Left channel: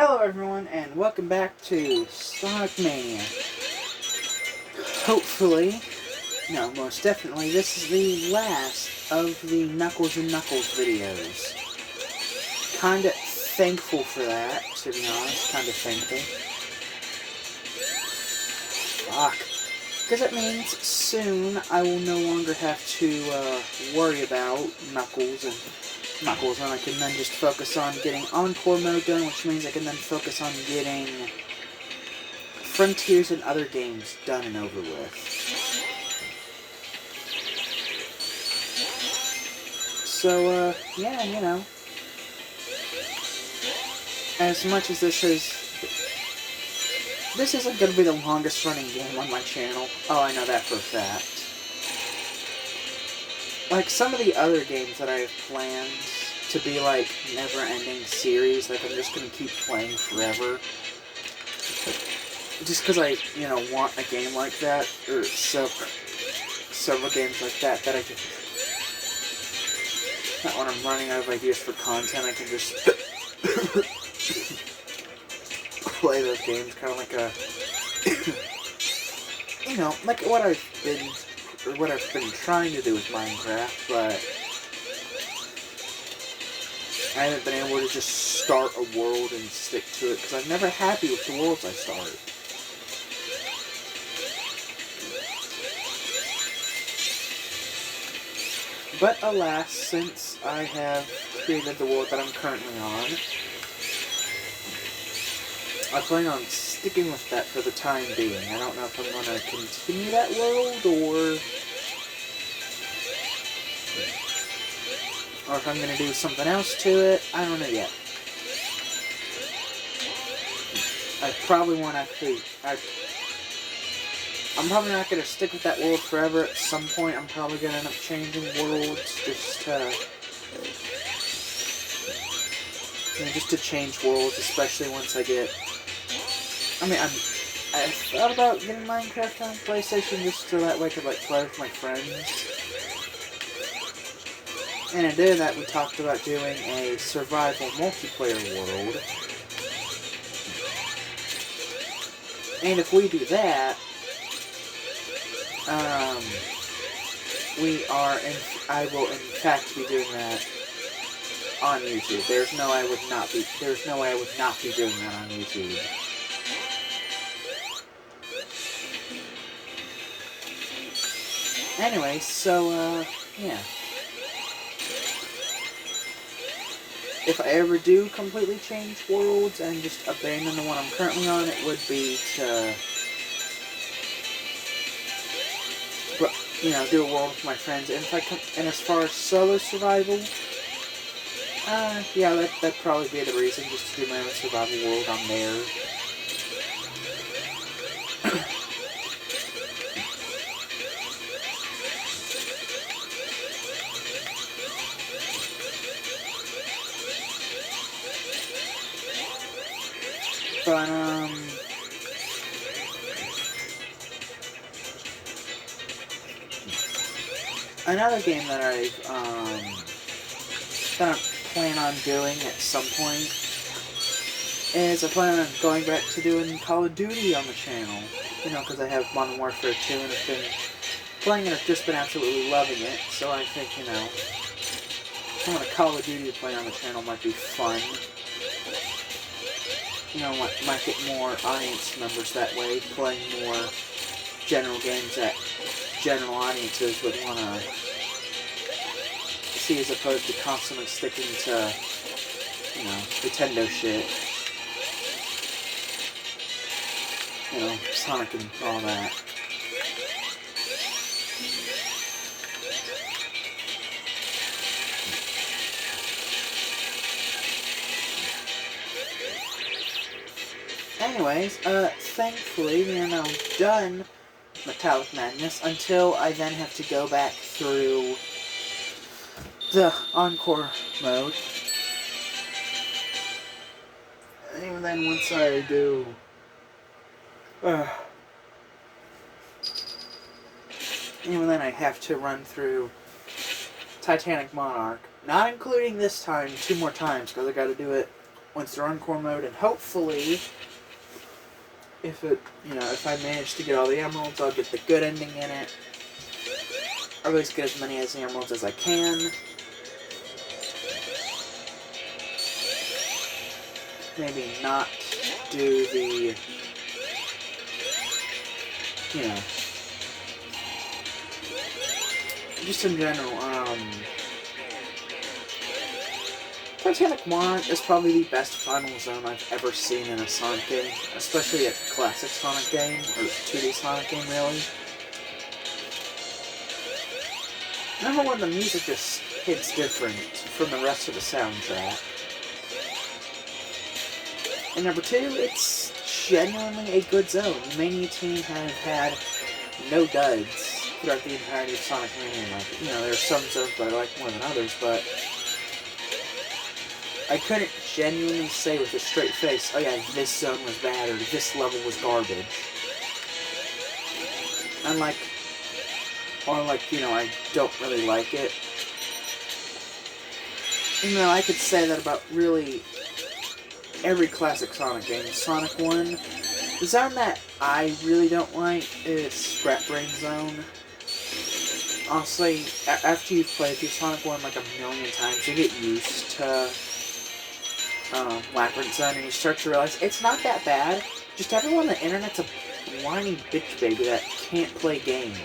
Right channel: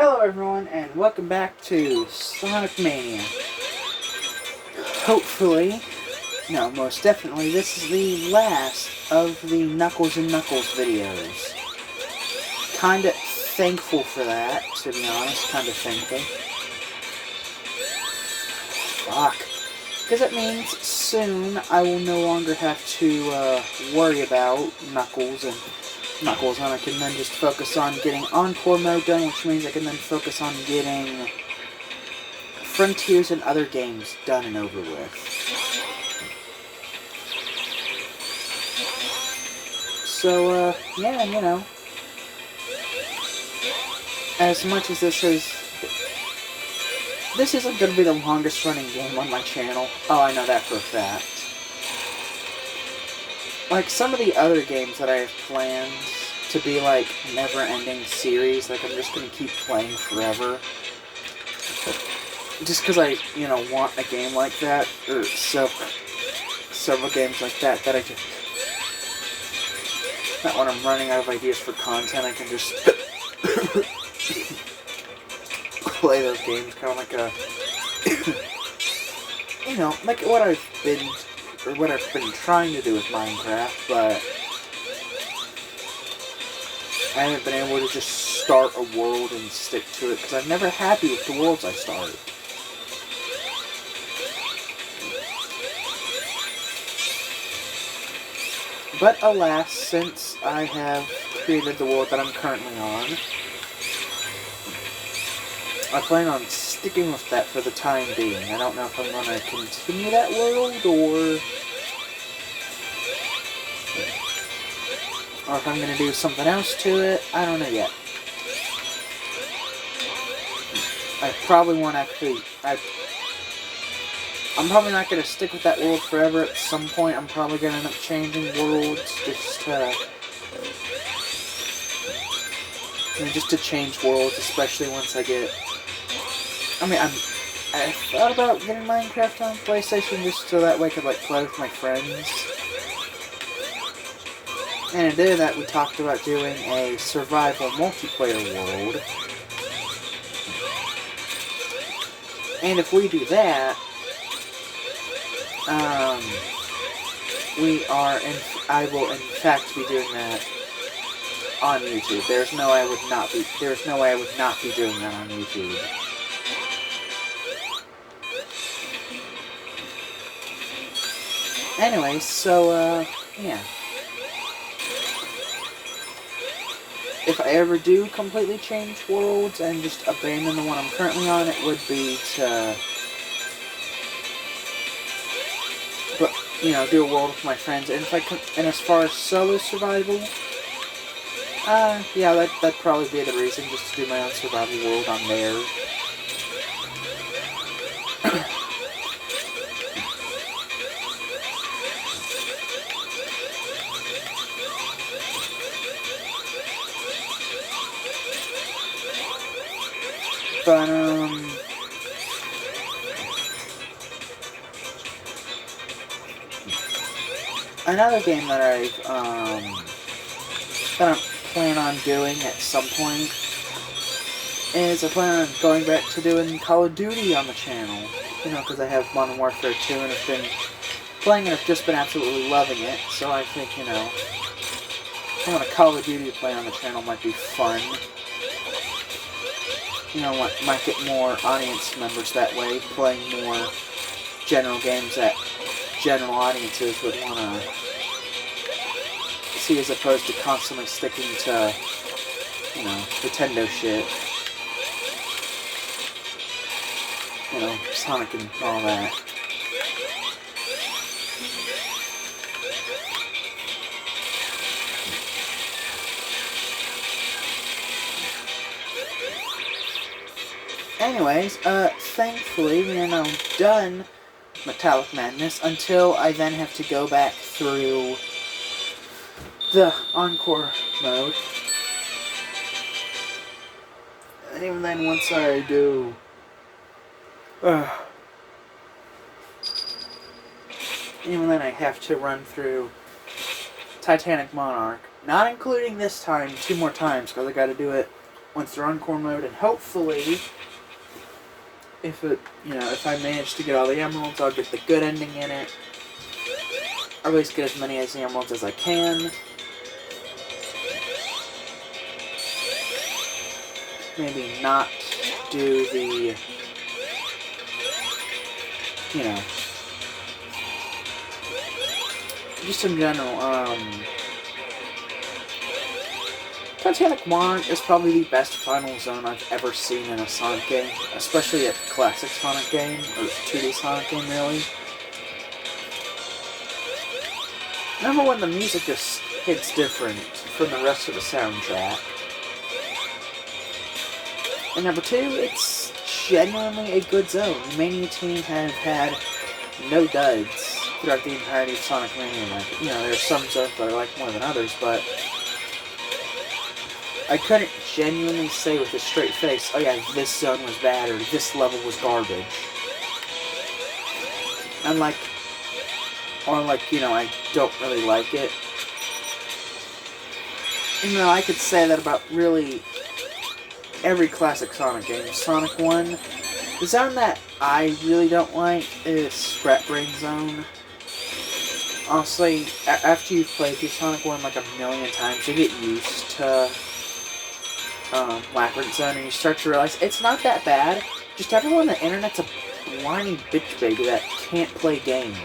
Hello everyone, and welcome back to Sonic Mania. Hopefully, no, most definitely, this is the last of the Knuckles and Knuckles videos. Kinda thankful for that, to be honest, kinda thankful. Fuck. Because it means soon I will no longer have to worry about Knuckles, and I can then just focus on getting Encore mode done, which means I can then focus on getting Frontiers and other games done and over with. So, yeah, you know, as much as this isn't going to be the longest running game on my channel. Oh, I know that for a fact. Like, some of the other games that I have planned to be, like, never-ending series, like, I'm just gonna keep playing forever. Just because I, you know, want a game like that, or several games like that, that I just... Not when I'm running out of ideas for content, I can just... play those games, kind of like a... you know, like what I've been trying to do with Minecraft, but I haven't been able to just start a world and stick to it, because I'm never happy with the worlds I start. But alas, since I have created the world that I'm currently on, I plan on sticking with that for the time being. I don't know if I'm going to continue that world, or if I'm going to do something else to it. I don't know yet. I probably won't actually... I'm probably not going to stick with that world forever. At some point, I'm probably going to end up changing worlds just to change worlds, especially once I get... I mean, I thought about getting Minecraft on PlayStation just so that way I could, like, play with my friends. And in doing that, we talked about doing a survival multiplayer world. And if we do that, I will in fact be doing that on YouTube. There's no way I would not be doing that on YouTube. Anyway, so, yeah. If I ever do completely change worlds and just abandon the one I'm currently on, it would be to, you know, do a world with my friends. And as far as solo survival, yeah, that'd probably be the reason, just to do my own survival world on there. But, another game that I plan on doing at some point is I plan on going back to doing Call of Duty on the channel. You know, because I have Modern Warfare 2 and I've been playing it, I've just been absolutely loving it. So I think, you know, some of the Call of Duty play on the channel might be fun. You know, might get more audience members that way, playing more general games that general audiences would want to see, as opposed to constantly sticking to, you know, Nintendo shit. You know, Sonic and all that. Anyways, thankfully we are now done Metallic Madness, until I then have to go back through the Encore mode. And even then, once I do... even then I have to run through Titanic Monarch. Not including this time 2 more times, because I gotta do it went through Encore mode, and hopefully, if I manage to get all the emeralds, I'll get the good ending in it. Or at least get as many as the emeralds as I can. Maybe not do the, just in general, Titanic 1 is probably the best final zone I've ever seen in a Sonic game, especially a classic Sonic game, or 2D Sonic game, really. Number one, the music just hits different from the rest of the soundtrack. And number two, it's genuinely a good zone. The Mania team have had no duds throughout the entirety of Sonic Mania. There are some zones that I like more than others, but I couldn't genuinely say with a straight face, oh yeah, this zone was bad, or this level was garbage. I don't really like it. I could say that about really every classic Sonic game. Sonic 1, the zone that I really don't like is Scrap Brain Zone. Honestly, after you've played through Sonic 1 like a million times, you get used to Labyrinth Zone, and you start to realize it's not that bad. Just everyone on the internet's a whiny bitch baby that can't play games.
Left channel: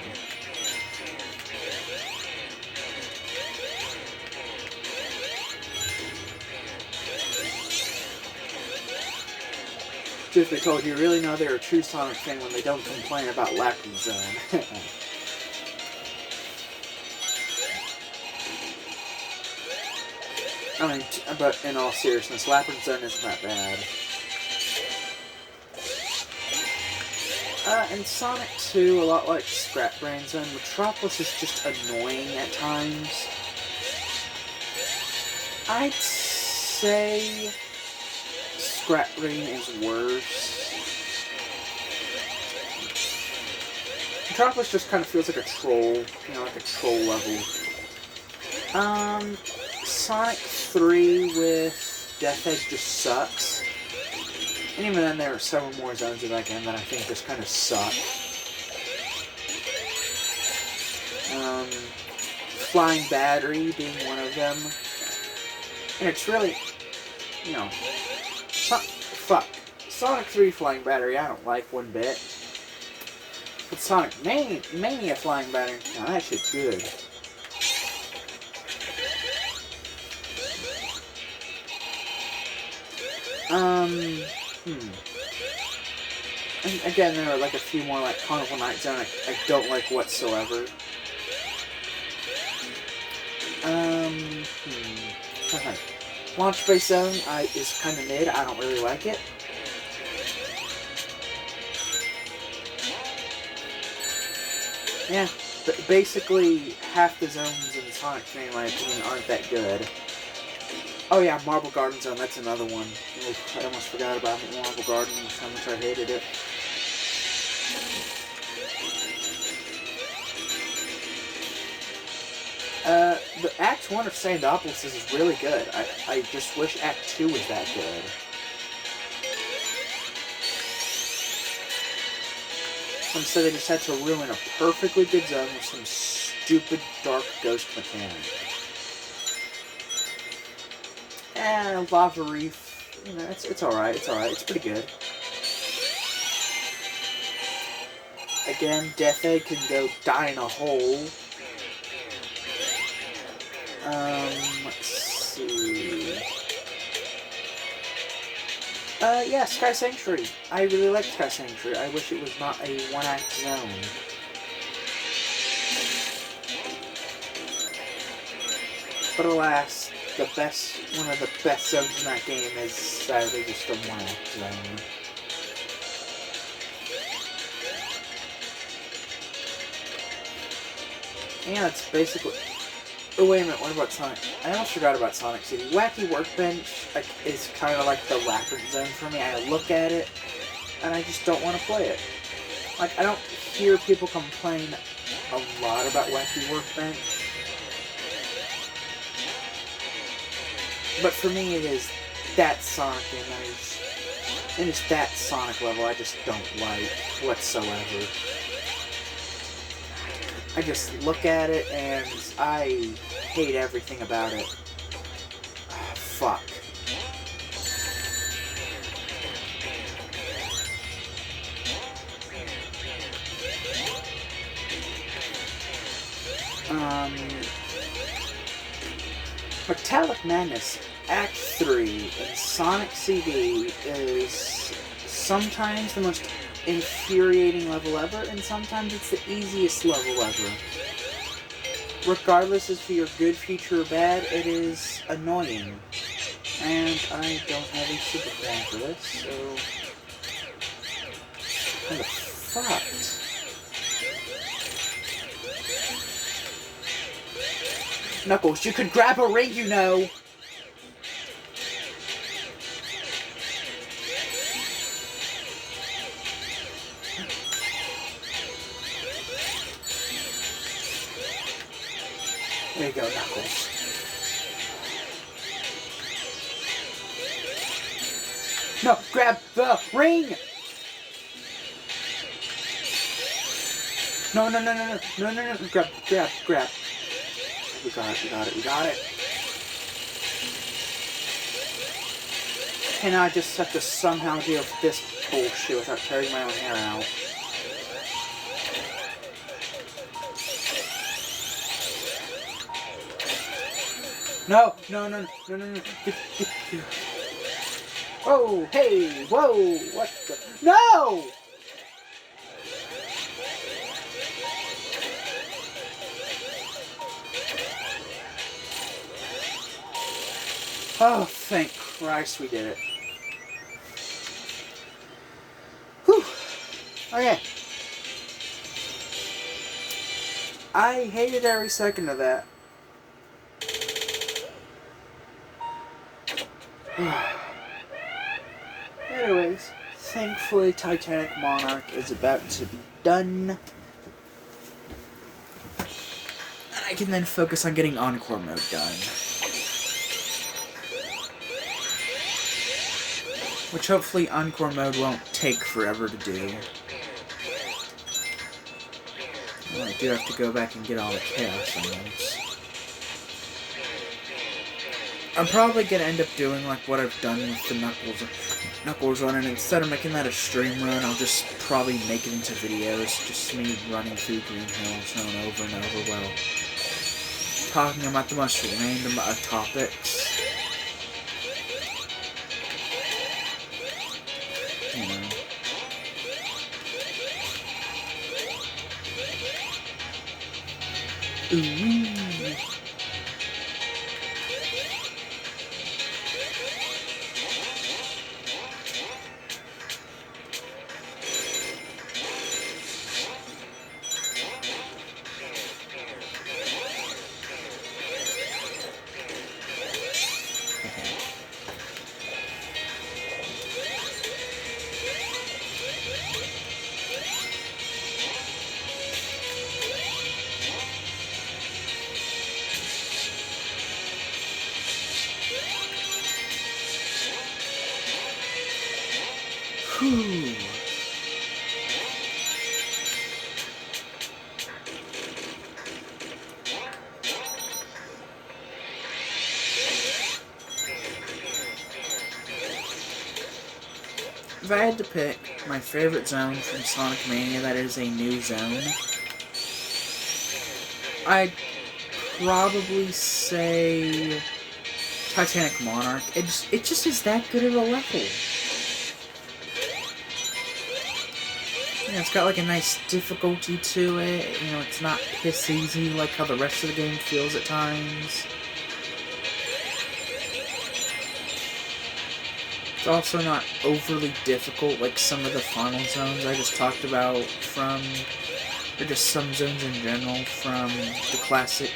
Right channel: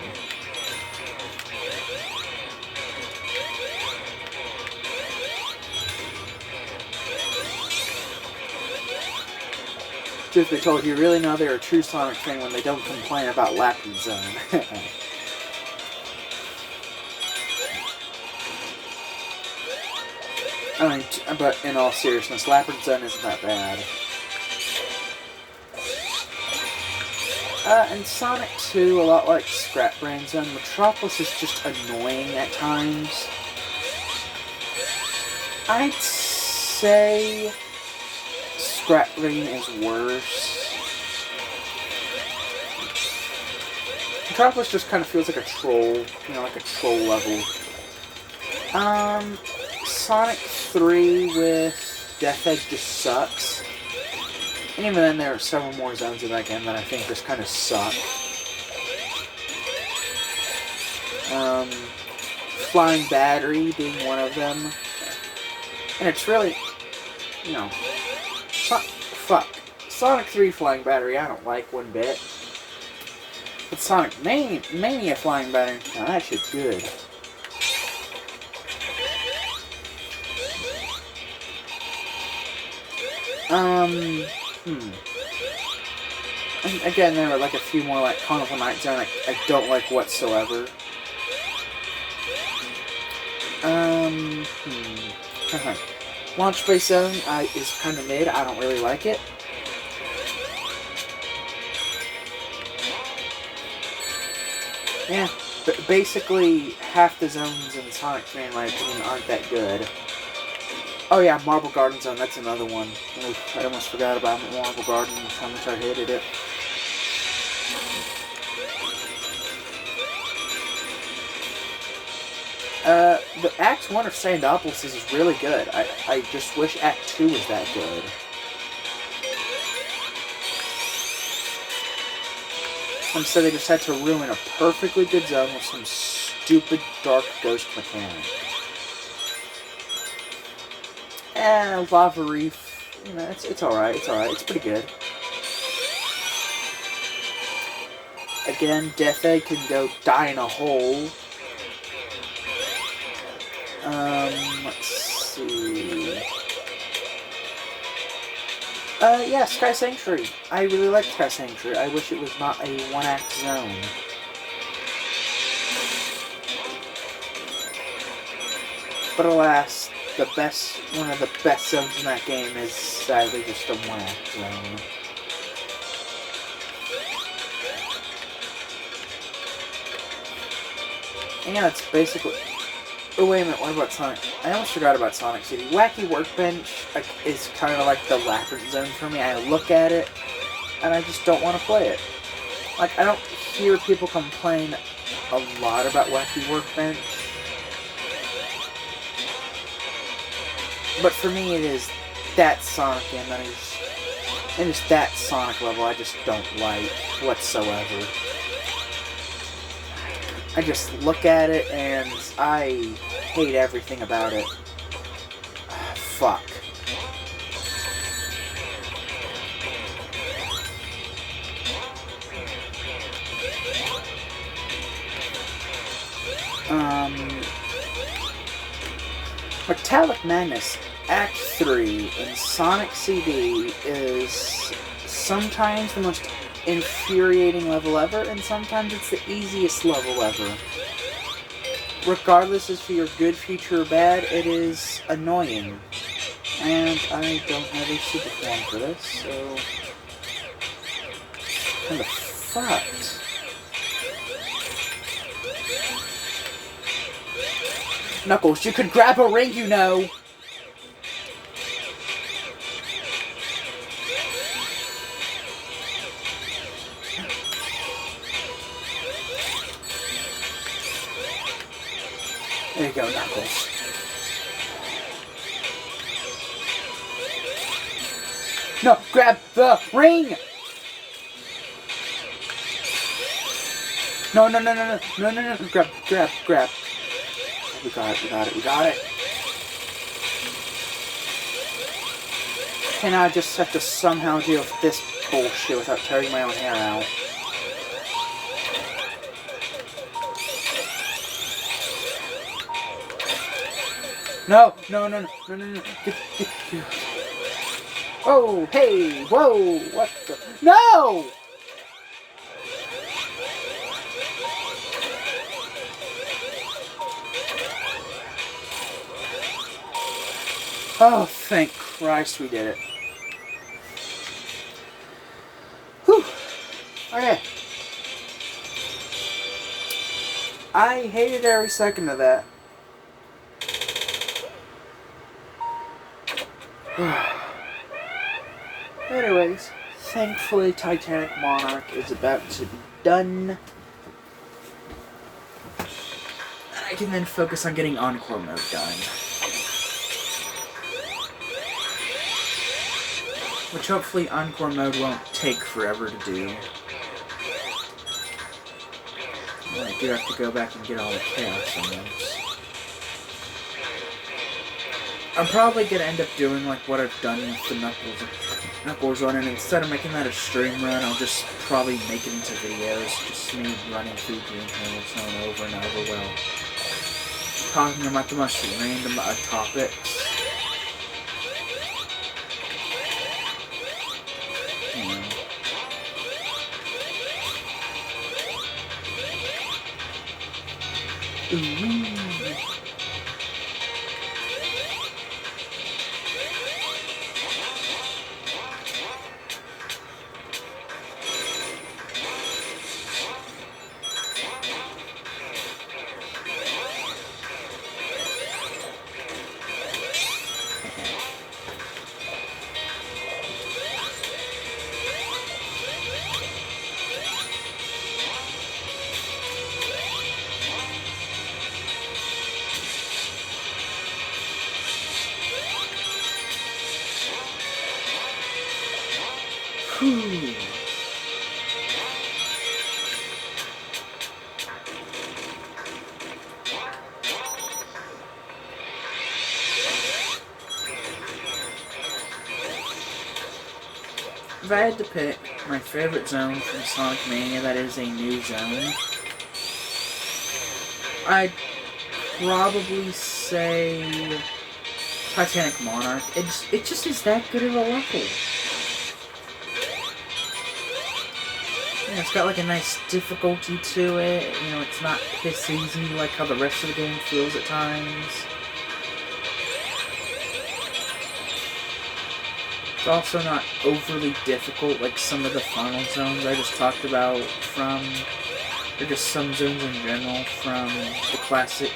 Truth be told, you really know they're a true Sonic fan when they don't complain about Labyrinth Zone. But in all seriousness, Labyrinth Zone isn't that bad. In Sonic 2, a lot like Scrap Brain Zone, Metropolis is just annoying at times. I'd say Scrap Brain is worse. Metropolis just kind of feels like a troll, like a troll level. Sonic 3 with Death Egg just sucks. And even then, there are several more zones of that game that I think just kind of suck. Flying Battery being one of them. And it's really, Sonic 3 Flying Battery I don't like one bit. But Sonic Mania Flying Battery, now that shit's good. And again, there are like a few more like Carnival Night Zone I don't like whatsoever. Launch Base Zone is kind of mid. I don't really like it. Yeah, but basically half the zones in Sonic 3, in my opinion, aren't that good. Oh yeah, Marble Garden Zone, that's another one. Oof, I almost forgot about Marble Garden, how much I hated it. The Act 1 of Sandopolis is really good. I just wish Act 2 was that good. Instead they just had to ruin a perfectly good zone with some stupid dark ghost mechanic. Lava Reef, it's alright, it's pretty good. Again, Death Egg can go die in a hole. Let's see. Yeah, Sky Sanctuary. I really like Sky Sanctuary. I wish it was not a one-act zone. But alas, one of the best zones in that game is sadly just a one-act zone. And yeah, that's basically... Oh, wait a minute, what about Sonic? I almost forgot about Sonic City. Wacky Workbench is kind of like the Labyrinth Zone for me. I look at it, and I just don't want to play it. I don't hear people complain a lot about Wacky Workbench. But for me, it is that Sonic game that is, and just that Sonic level I just don't like whatsoever. I just look at it and I hate everything about it. Fuck. Metallic Madness Act 3 in Sonic CD is sometimes the most infuriating level ever, and sometimes it's the easiest level ever. Regardless if you're good, future, or bad, it is annoying. And I don't have a super form for this, so... What the fuck? Knuckles, you could grab a ring, you know! There you go, Knuckles. No, grab the ring! No, grab. We got it. And I just have to somehow deal with this bullshit without tearing my own hair out. No. Get. Oh, hey, whoa, what the? No! Oh, thank Christ we did it. Whew. Okay. I hated every second of that. Anyways, thankfully Titanic Monarch is about to be done. I can then focus on getting Encore mode done. Which hopefully Encore mode won't take forever to do. Well, I do have to go back and get all the Chaos Emeralds. I'm probably going to end up doing like what I've done with the Knuckles run, and instead of making that a stream run, I'll just probably make it into videos, just me running through Green Hills over and over while talking about the most random topics. You know. Ooh. If I had to pick my favorite zone from Sonic Mania that is a new zone, I'd probably say Titanic Monarch. It just is that good of a level. Yeah, it's got like a nice difficulty to it. You know, it's not piss easy like how the rest of the game feels at times. It's also not overly difficult like some of the final zones I just talked about or just some zones in general from the classic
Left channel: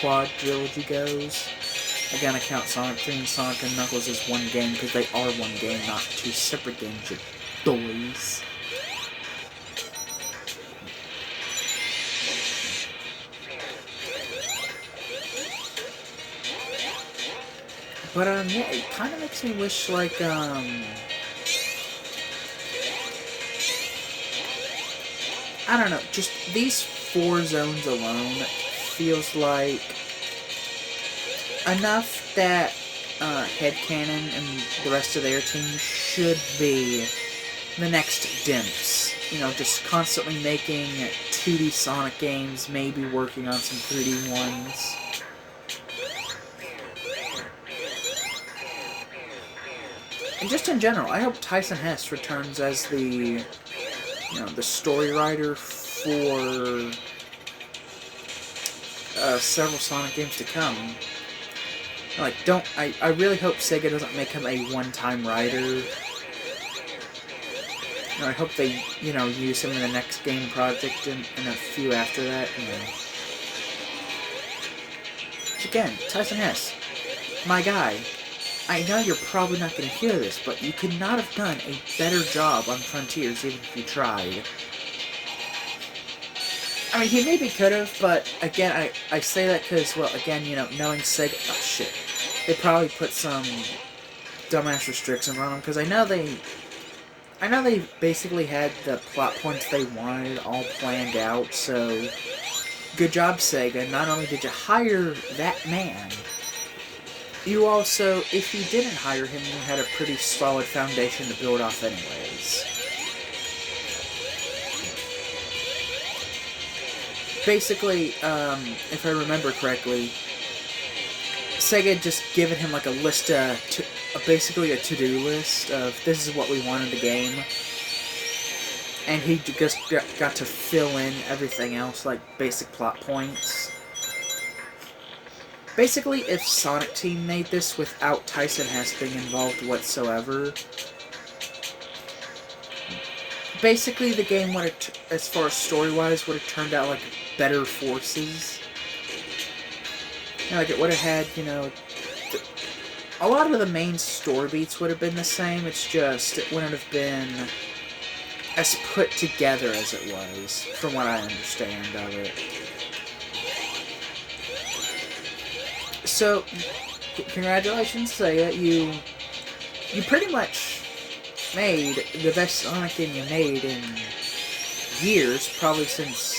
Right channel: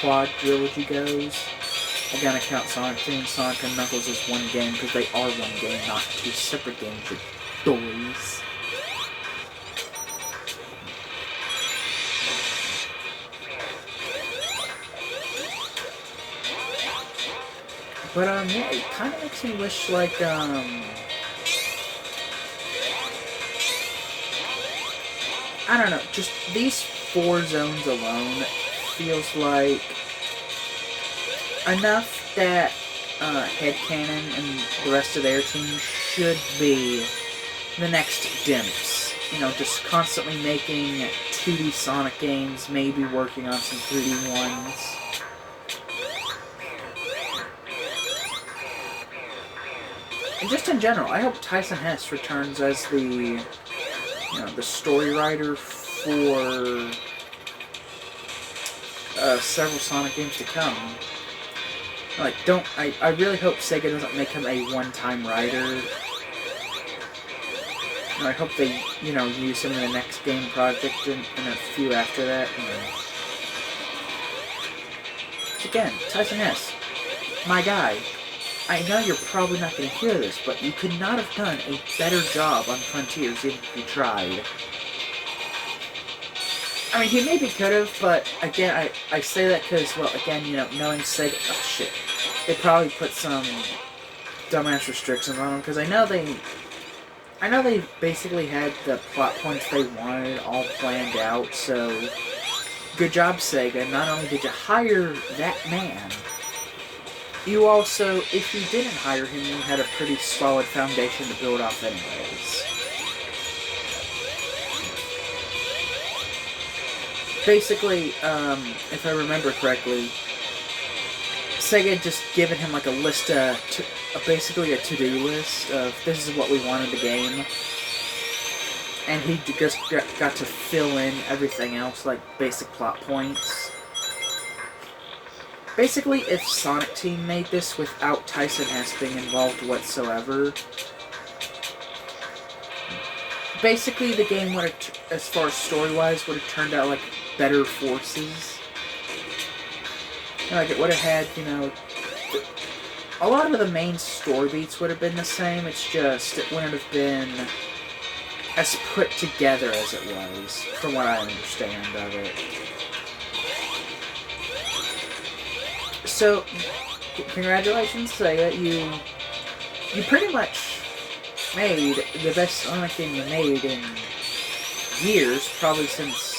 quad trilogy goes. Again, I count Sonic 3 and Sonic and Knuckles as one game because they are one game, not two separate games, you doys. But, yeah, it kind of makes me wish, like, I don't know, just these 4 zones alone feels like enough that Headcanon and the rest of their team should be the next Dimps. You know, just constantly making 2D Sonic games, maybe working on some 3D ones. And just in general, I hope Tyson Hess returns as the the story writer for several Sonic games to come. Like, I really hope Sega doesn't make him a one-time writer. I hope they, use him in the next game project and a few after that. Again, Tyson Hess, my guy. I know you're probably not going to hear this, but you could not have done a better job on Frontiers even if you tried. I mean, he maybe could have, but again, I say that because, well, again, knowing Sega... Oh, shit. They probably put some dumbass restrictions on him, because I know they basically had the plot points they wanted all planned out, so good job, Sega. Not only did you hire that man, you also, if you didn't hire him, you had a pretty solid foundation to build off anyways. Basically, if I remember correctly, Sega had just given him like a list basically a to-do list of this is what we want in the game. And he just got to fill in everything else, like basic plot points. Basically, if Sonic Team made this without Tyson Hess being involved whatsoever, basically the game would have, as far as story-wise, would have turned out like better forces. Like, it would have had, a lot of the main story beats would have been the same, it's just, it wouldn't have been as put together as it was, from what I understand of it. So, congratulations, Sega, you pretty much made the best Sonic game you made in years, probably since...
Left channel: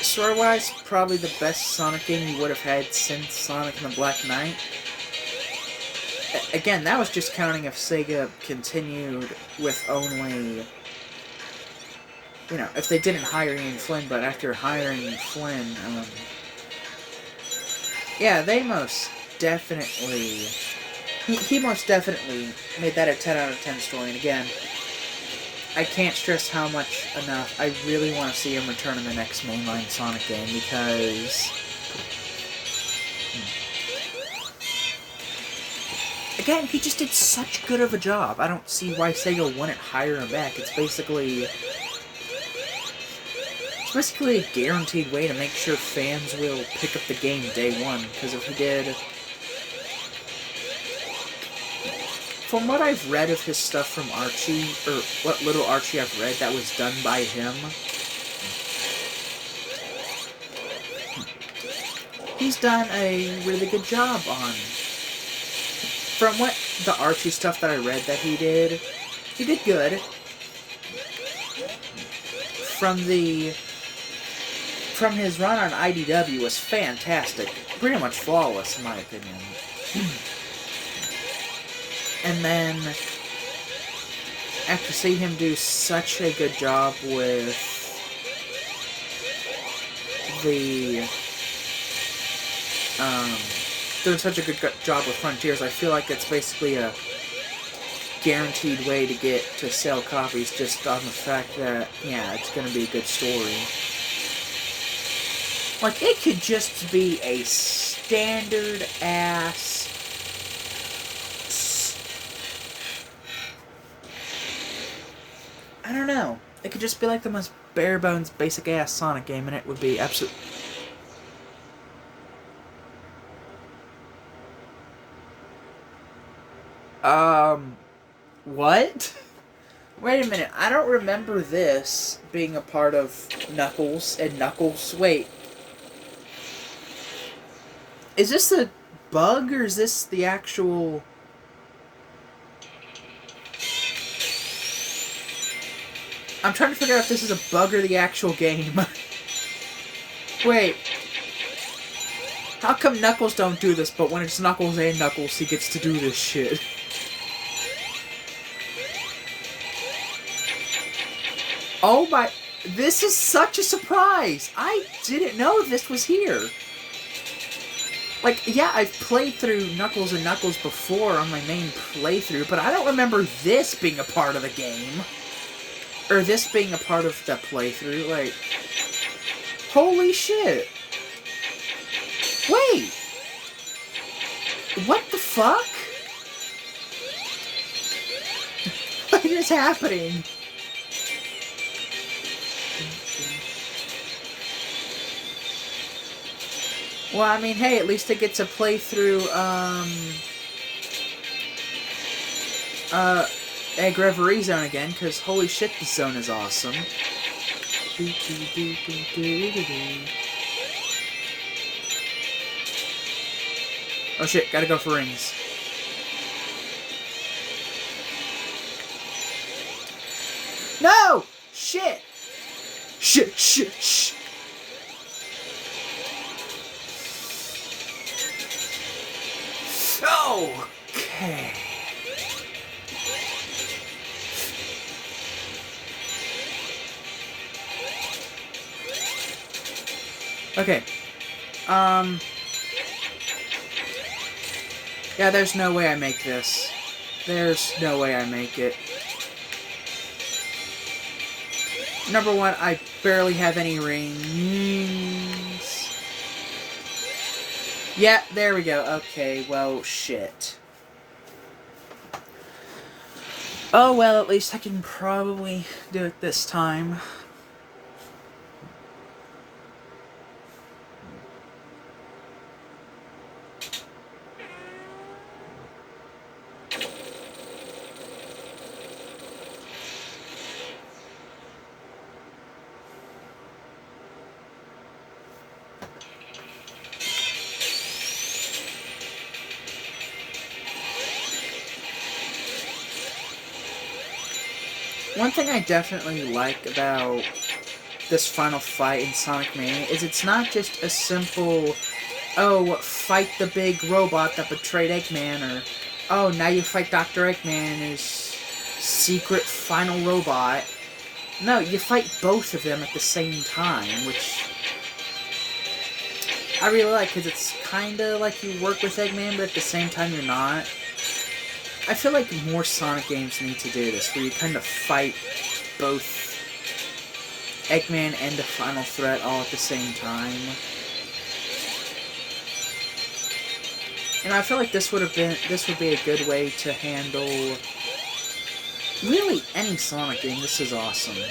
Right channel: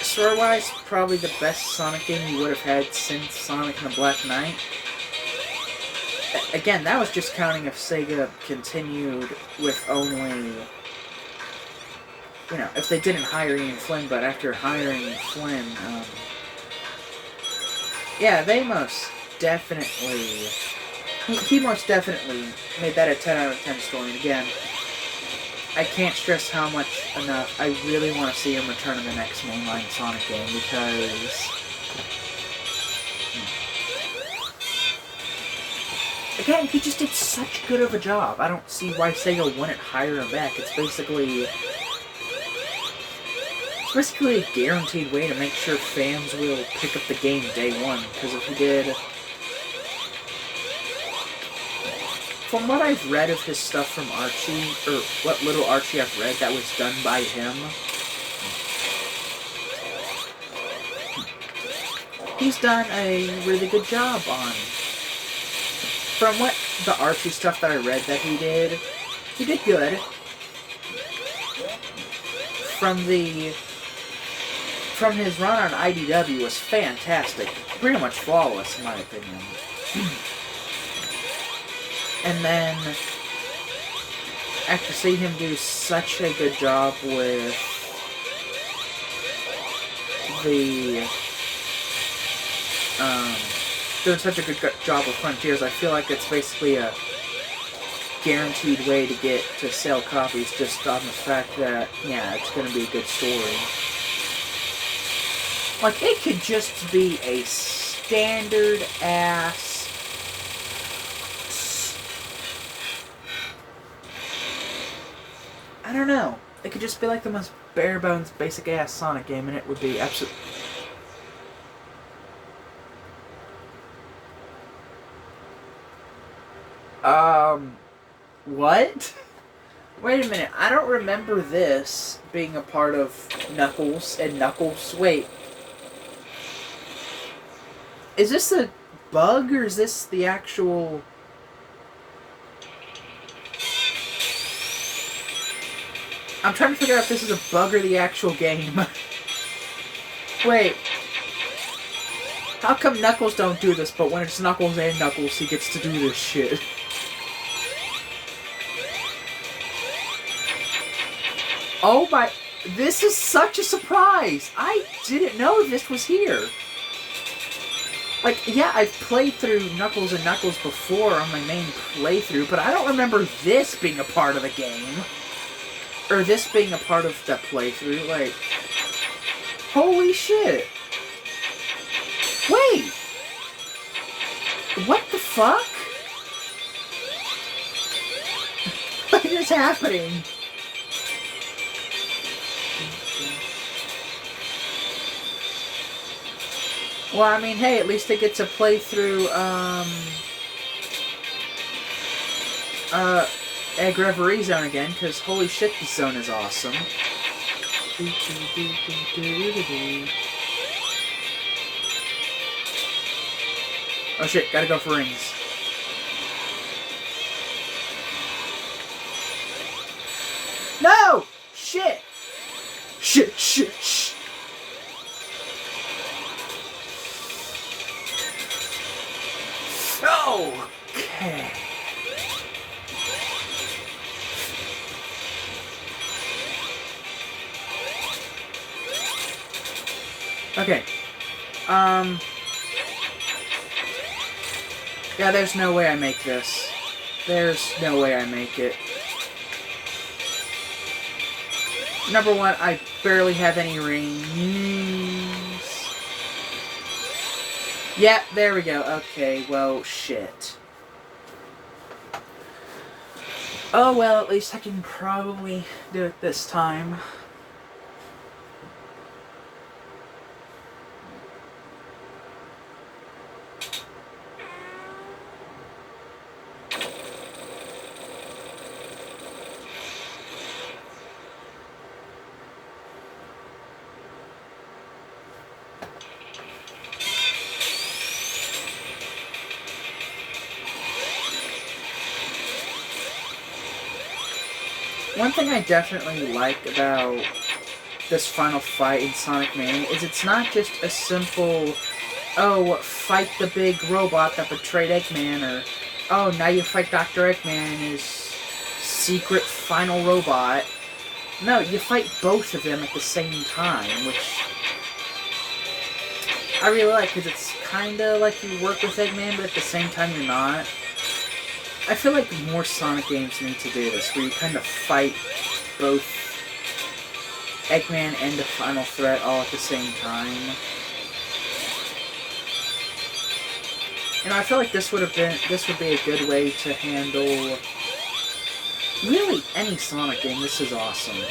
Story-wise, probably the best Sonic game you would have had since Sonic and the Black Knight. Again, that was just counting if Sega continued with only... if they didn't hire Ian Flynn, but after hiring Flynn, yeah, they most definitely... He most definitely made that a 10 out of 10 story, and again, I can't stress how much enough I really want to see him return in the next mainline Sonic game, because... Again, he just did such good of a job. I don't see why Sega wouldn't hire him back. It's basically a guaranteed way to make sure fans will pick up the game day one, because if he did... From what I've read of his stuff from Archie, or what little Archie I've read that was done by him, he's done a really good job on. From what the Archie stuff that I read that he did good. From his run on IDW was fantastic, pretty much flawless in my opinion. And then, after seeing him do such a good job with doing such a good job with Frontiers, I feel like it's basically a guaranteed way to sell copies just on the fact that, yeah, it's going to be a good story. Like, it could just be a standard-ass... I don't know. It could just be like the most bare-bones, basic-ass Sonic game, and it would be absolutely... What? Wait a minute, I don't remember this being a part of Knuckles and Knuckles. Wait. Is this the bug, or is this the actual... I'm trying to figure out if this is a bug or the actual game. Wait. How come Knuckles don't do this, but when it's Knuckles and Knuckles, he gets to do this shit? Oh my... This is such a surprise! I didn't know this was here. Like, yeah, I've played through Knuckles and Knuckles before on my main playthrough, but I don't remember this being a part of the game. Or this being a part of the playthrough, like... Holy shit! Wait! What the fuck? What is happening? Well, I mean, hey, at least I get to play through, Egg Reverie Zone again, because holy shit, this zone is awesome. Oh shit, gotta go for rings. No! Shit! Shit, shit, shit! Okay. Okay. Yeah, there's no way I make this. There's no way I make it. Number one, I barely have any rings. Yeah, there we go. Okay, well, shit. Oh, well, at least I can probably do it this time. One thing I definitely like about this final fight in Sonic Mania is it's not just a simple, oh, fight the big robot that betrayed Eggman, or, oh, now you fight Dr. Eggman and his secret final robot. No, you fight both of them at the same time, which I really like, because it's kind of like you work with Eggman, but at the same time you're not. I feel like more Sonic games need to do this, where you kind of fight both Eggman and the final threat all at the same time. And I feel like this would be a good way to handle really any Sonic game. This is awesome.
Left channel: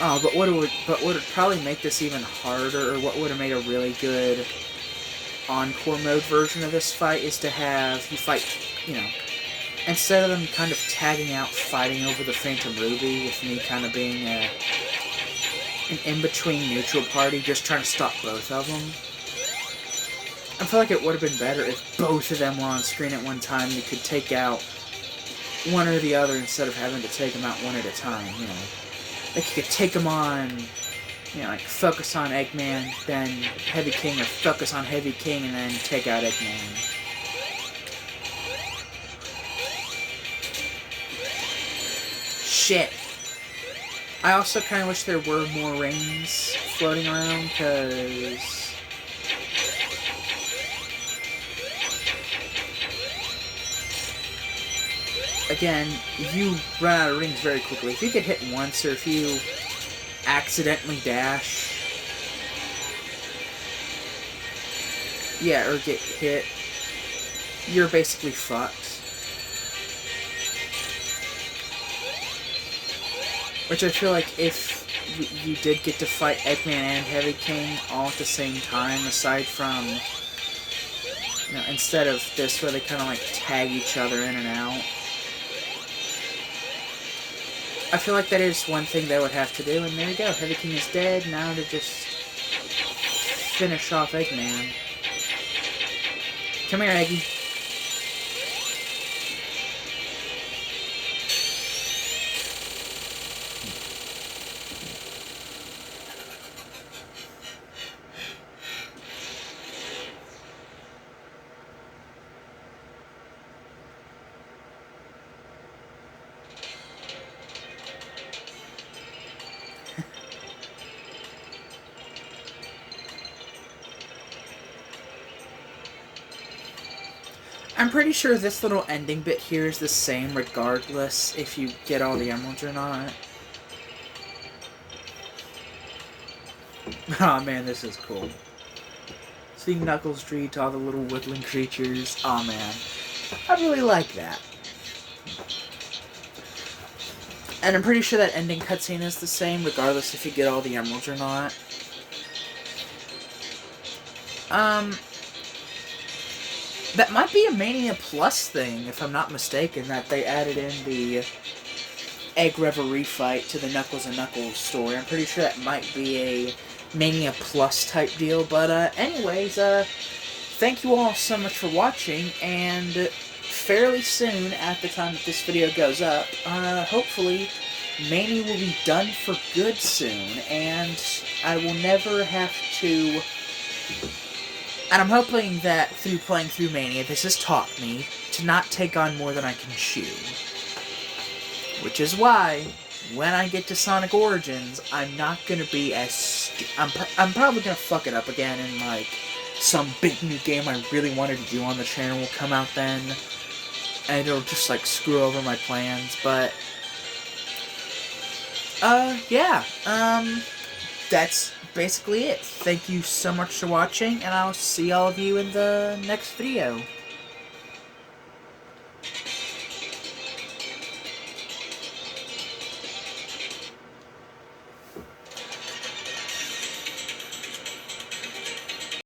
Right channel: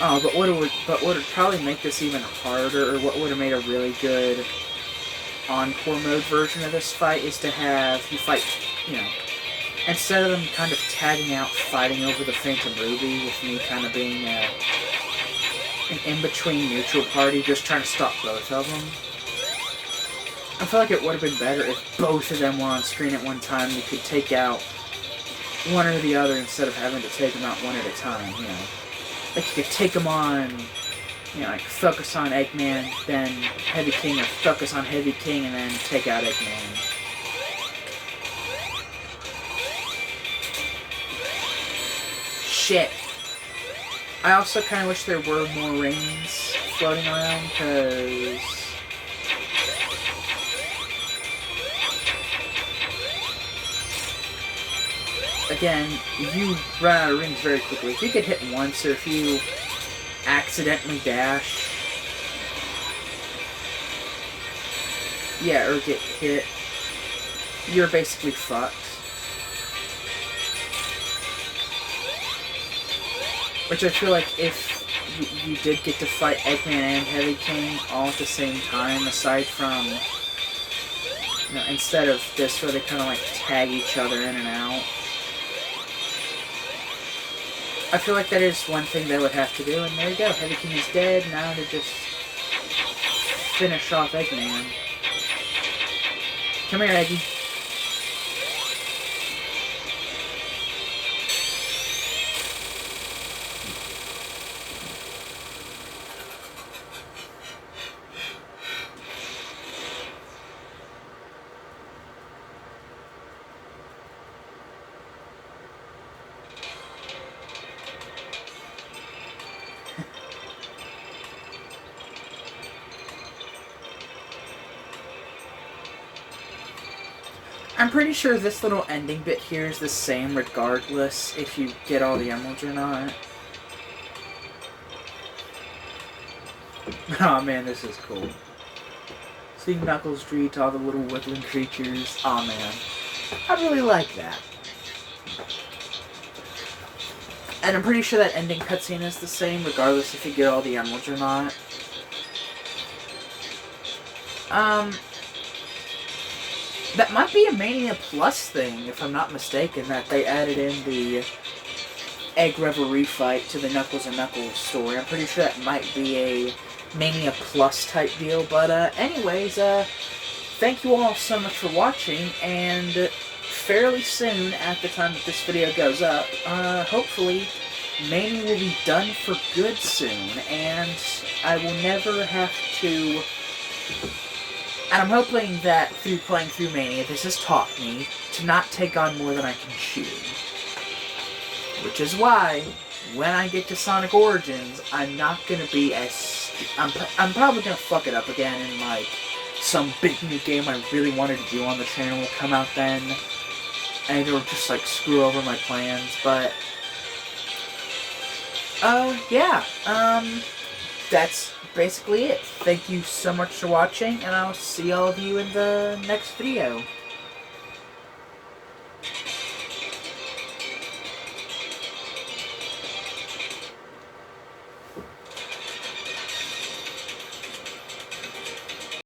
Oh, but what would probably make this even harder, or what would have made a really good Encore mode version of this fight is to have you fight, you know, instead of them kind of tagging out fighting over the Phantom Ruby, with me kind of being an in-between neutral party, just trying to stop both of them. I feel like it would have been better if both of them were on screen at one time. You could take out one or the other instead of having to take them out one at a time, you know. Like, you could take them on, you know, like, focus on Eggman, then Heavy King, or focus on Heavy King, and then take out Eggman. Shit. I also kind of wish there were more rings floating around, because again, you run out of rings very quickly. If you get hit once, or if you accidentally dash, yeah, or get hit, you're basically fucked. Which I feel like if you did get to fight Eggman and Heavy King all at the same time, aside from, you know, instead of this where they kind of like tag each other in and out, I feel like that is one thing they would have to do, and there you go. Heavy King is dead, now to just finish off Eggman. Come here, Aggie. I'm pretty sure this little ending bit here is the same regardless if you get all the emeralds or not. Oh man, this is cool. Seeing Knuckles greet all the little woodland creatures. Oh man. I really like that. And I'm pretty sure that ending cutscene is the same regardless if you get all the emeralds or not. That might be a Mania Plus thing, if I'm not mistaken, that they added in the Egg Reverie fight to the Knuckles and Knuckles story. I'm pretty sure that might be a Mania Plus type deal, but anyways, thank you all so much for watching, and fairly soon, at the time that this video goes up, hopefully, Mania will be done for good soon, and I will never have to... And I'm hoping that through playing through Mania, this has taught me to not take on more than I can chew. Which is why, when I get to Sonic Origins, I'm not gonna be as... I'm probably gonna fuck it up again, and like, some big new game I really wanted to do on the channel will come out then. And it'll just like screw over my plans, but... yeah. That's basically it. Thank you so much for watching, and I'll see all of you in the next video.